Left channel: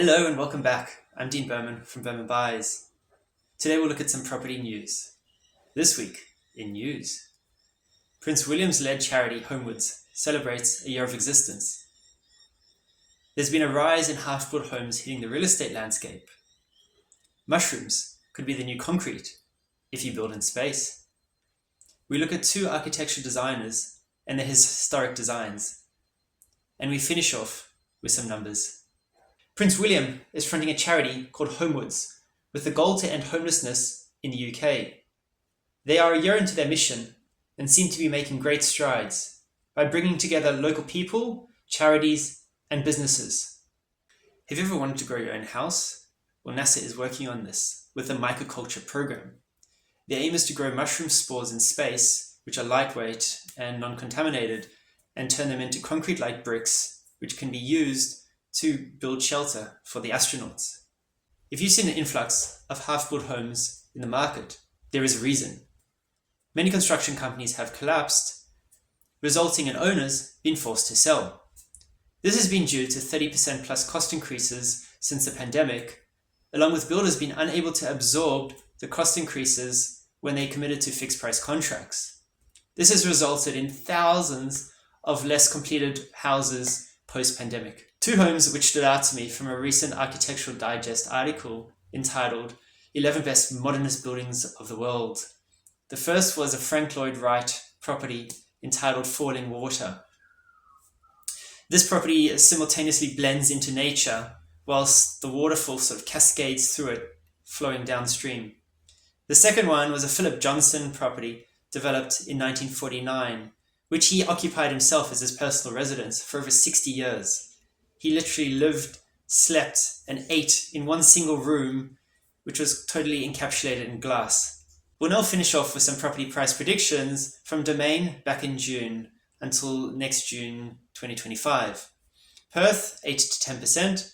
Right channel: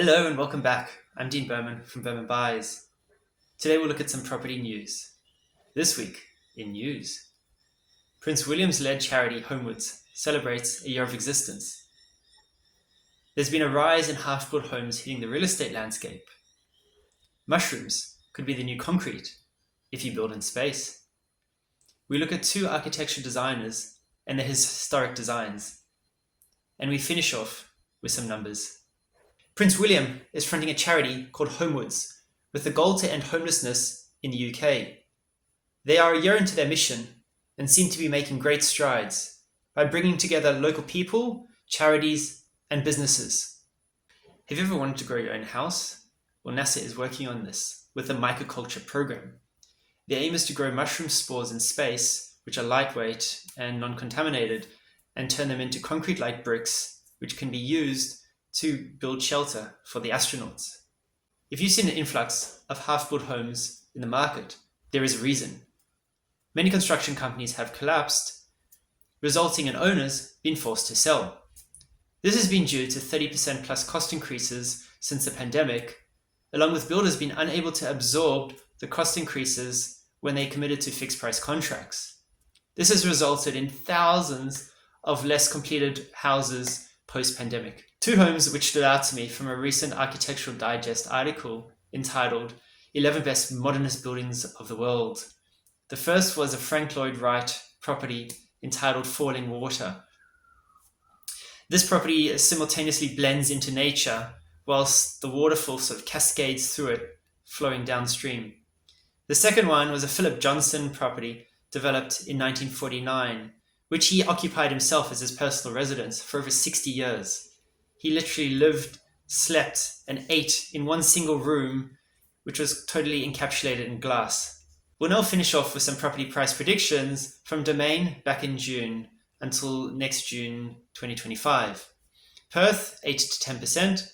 Hello and welcome back. I'm Dean Berman from Berman Buys. Today we'll look at some property news. This week in news, Prince William's-led charity Homewards celebrates a year of existence. There's been a rise in half-built homes hitting the real estate landscape. Mushrooms could be the new concrete if you build in space. We look at two architectural designers and their historic designs. And we finish off with some numbers. Prince William is fronting a charity called Homewards with the goal to end homelessness in the UK. They are a year into their mission and seem to be making great strides by bringing together local people, charities, and businesses. Have you ever wanted to grow your own house? Well, NASA is working on this with the mycoculture program. The aim is to grow mushroom spores in space, which are lightweight and non-contaminated, and turn them into concrete-like bricks, which can be used to build shelter for the astronauts. If you've seen an influx of half-built homes in the market, there is a reason. Many construction companies have collapsed, resulting in owners being forced to sell. This has been due to 30% plus cost increases since the pandemic, along with builders being unable to absorb the cost increases when they committed to fixed price contracts. This has resulted in thousands of less completed houses post-pandemic. Two homes which stood out to me from a recent Architectural Digest article entitled 11 Best Modernist Buildings of the World. The first was a Frank Lloyd Wright property entitled Falling Water. This property simultaneously blends into nature whilst the waterfall sort of cascades through it, flowing downstream. The second one was a Philip Johnson property developed in 1949, which he occupied himself as his personal residence for over 60 years. He literally lived, slept, and ate in one single room, which was totally encapsulated in glass. We'll now finish off with some property price predictions from Domain back in June until next June 2025. Perth, 8 to 10%,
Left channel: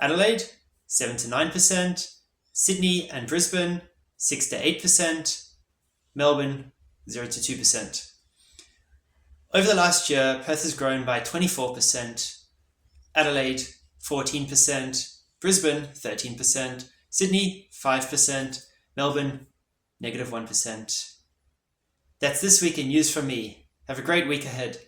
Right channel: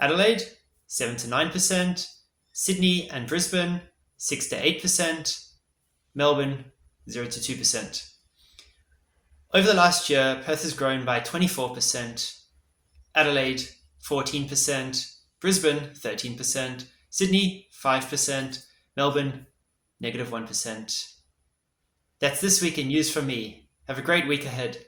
Adelaide, 7 to 9%, Sydney and Brisbane, 6 to 8%, Melbourne, 0 to 2%. Over the last year, Perth has grown by 24%, Adelaide 14%, Brisbane 13%, Sydney 5%, Melbourne -1%. That's this week in news from me. Have a great week ahead.